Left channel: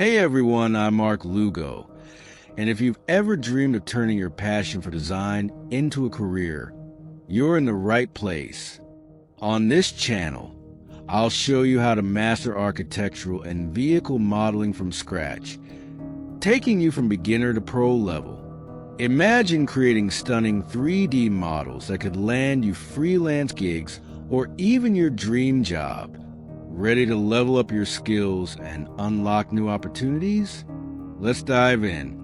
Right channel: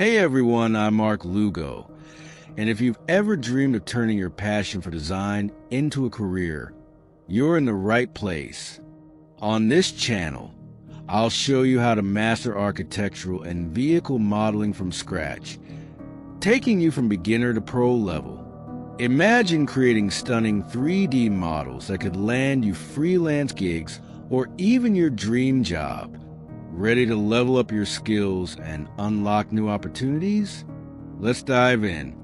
Hey everyone, I'm Mark Lugo, and if you've ever dreamed of turning your passion for design into a career, you're in the right place. On this channel, I'll show you how to master architectural and vehicle modeling from scratch, taking you from beginner to pro level. Imagine creating stunning 3D models that could land you freelance gigs or even your dream job. Ready to level up your skills and unlock new opportunities? Let's dive in.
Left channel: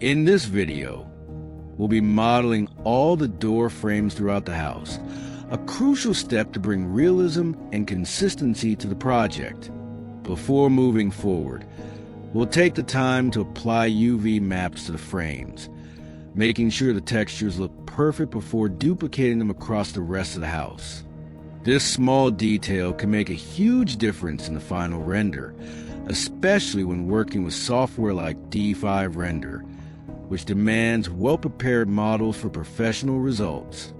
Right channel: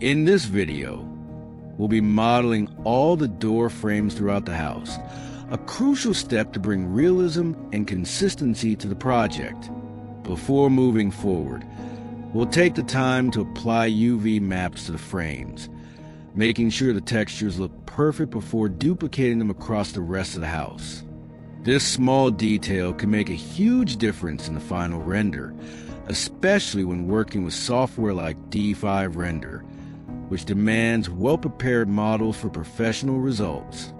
In this video, we'll be modeling all the door frames throughout the house, a crucial step to bring realism and consistency to the project. Before moving forward, we'll take the time to apply UV maps to the frames, making sure the textures look perfect before duplicating them across the rest of the house. This small detail can make a huge difference in the final render, especially when working with software like D5 Render, which demands well-prepared models for professional results.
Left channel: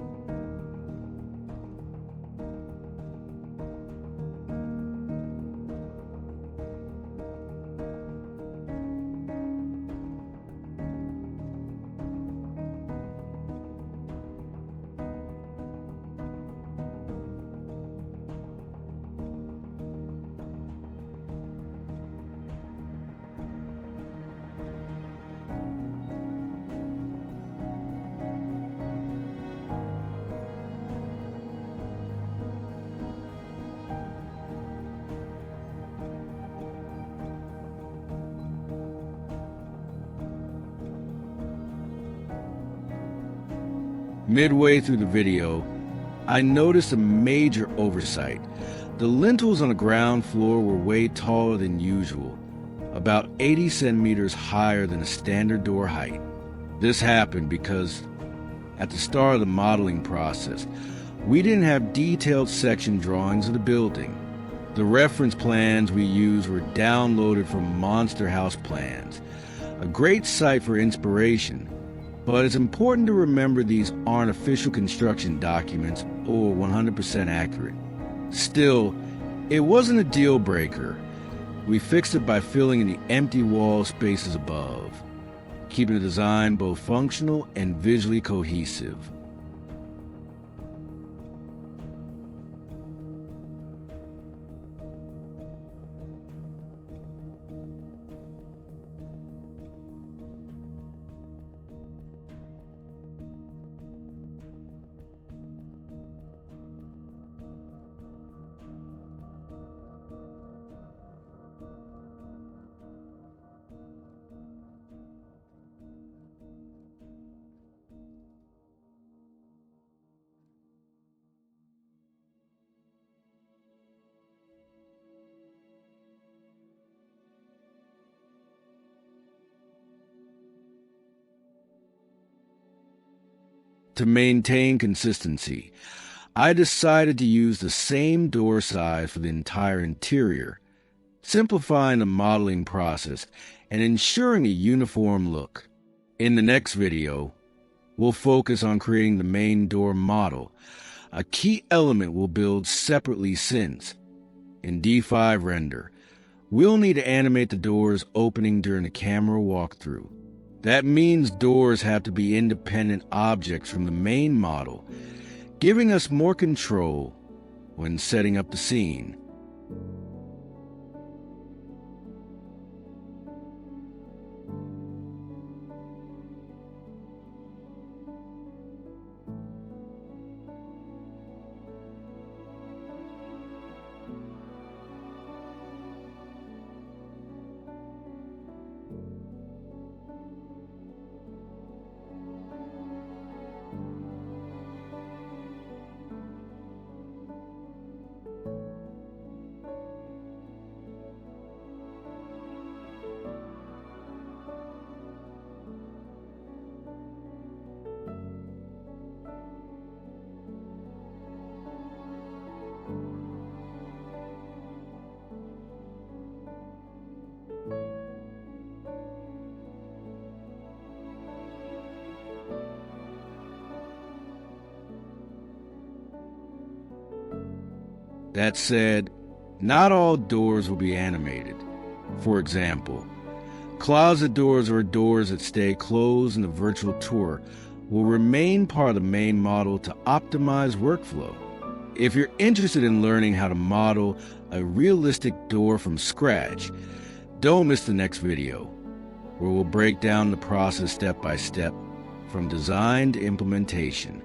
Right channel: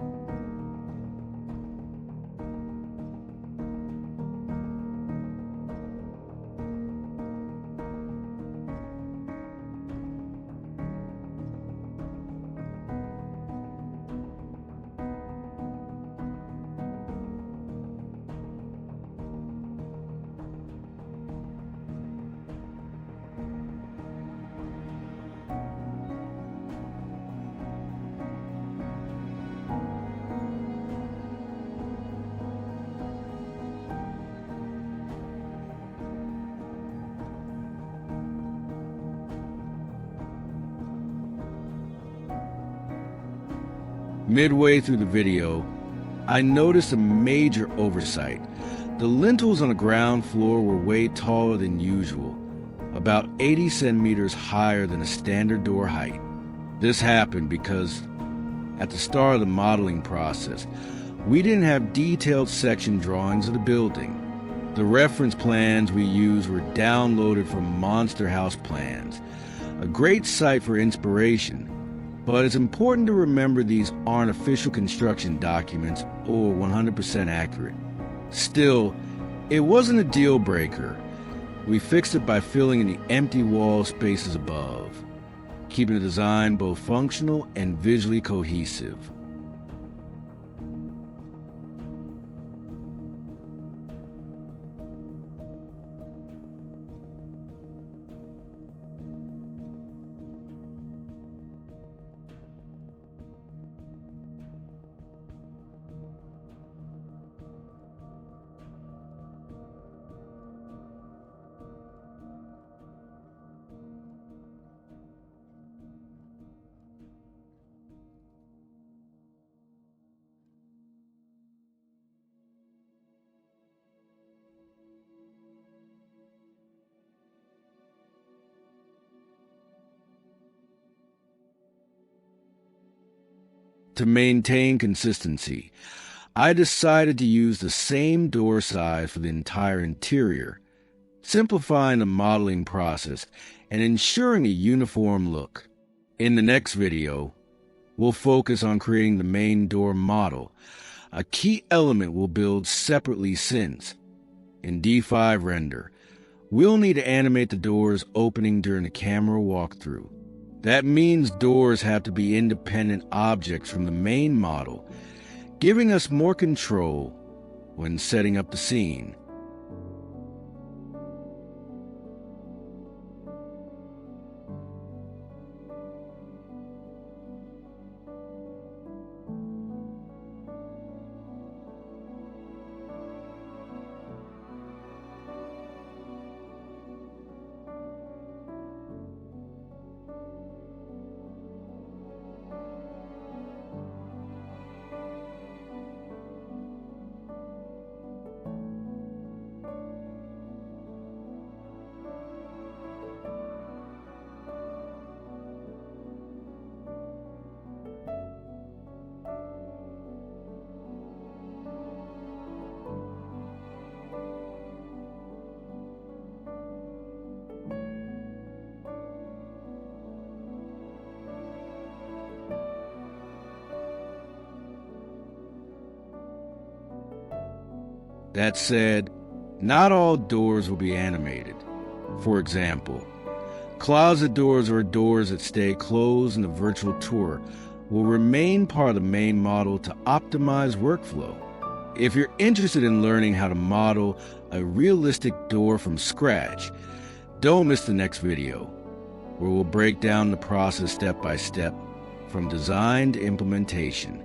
Midway through the video, I noticed a major oversight. The lintels on the ground floor were way taller than usual, about 80 centimeters higher than a standard door height. This happened because, at the start of the modeling process, we didn't have detailed section drawings of the building. The reference plans we used were downloaded from Monster House Plans, a great site for inspiration. But it's important to remember these aren't official construction documents or 100% accurate. Still, it wasn't a deal breaker. We fixed it by filling in the empty wall spaces above, keeping the design both functional and visually cohesive. To maintain consistency, I decided to use the same door size for the entire interior, simplifying the modeling process and ensuring a uniform look. In the next video, we'll focus on creating the main door model, a key element we'll build separately since, in D5 Render, we'll need to animate the doors opening during the camera walkthrough. That means doors have to be independent objects from the main model, giving us more control when setting up the scene. That said, not all doors will be animated. For example, closet doors or doors that stay closed in the virtual tour will remain part of the main model to optimize workflow. If you're interested in learning how to model a realistic door from scratch, don't miss the next video, where we'll break down the process step by step from design to implementation.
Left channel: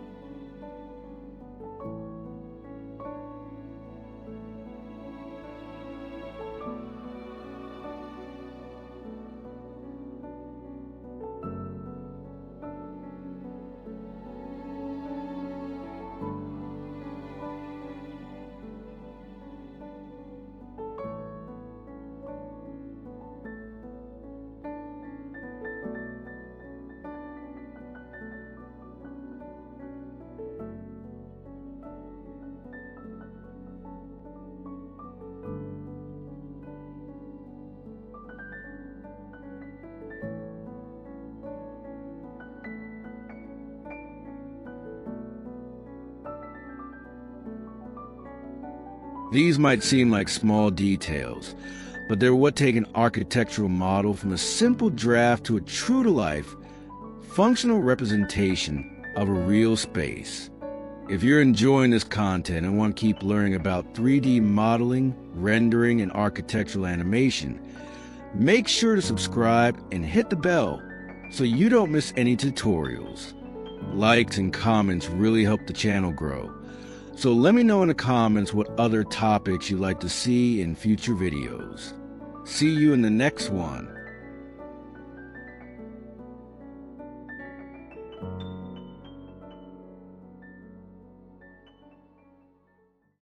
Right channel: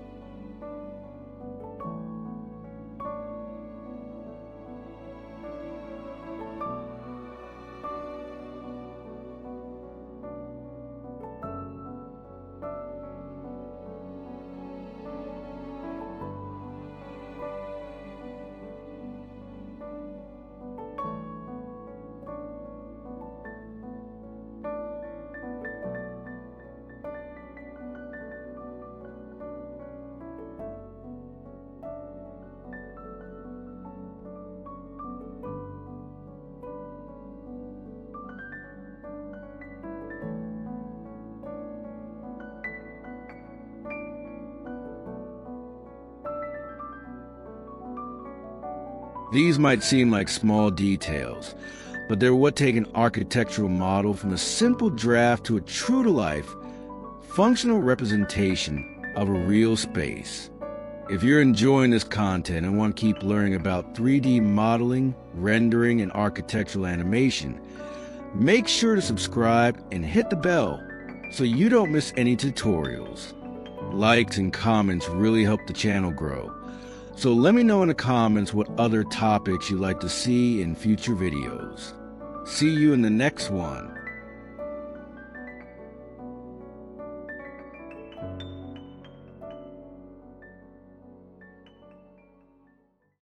These might seem like small details, but they're what take an architectural model from a simple draft to a true-to-life, functional representation of a real space. If you're enjoying this content and want to keep learning about 3D modeling, rendering, and architectural animation, make sure to subscribe and hit the bell so you don't miss any tutorials. Likes and comments really help the channel grow. So let me know in the comments what other topics you'd like to see in future videos. See you in the next one.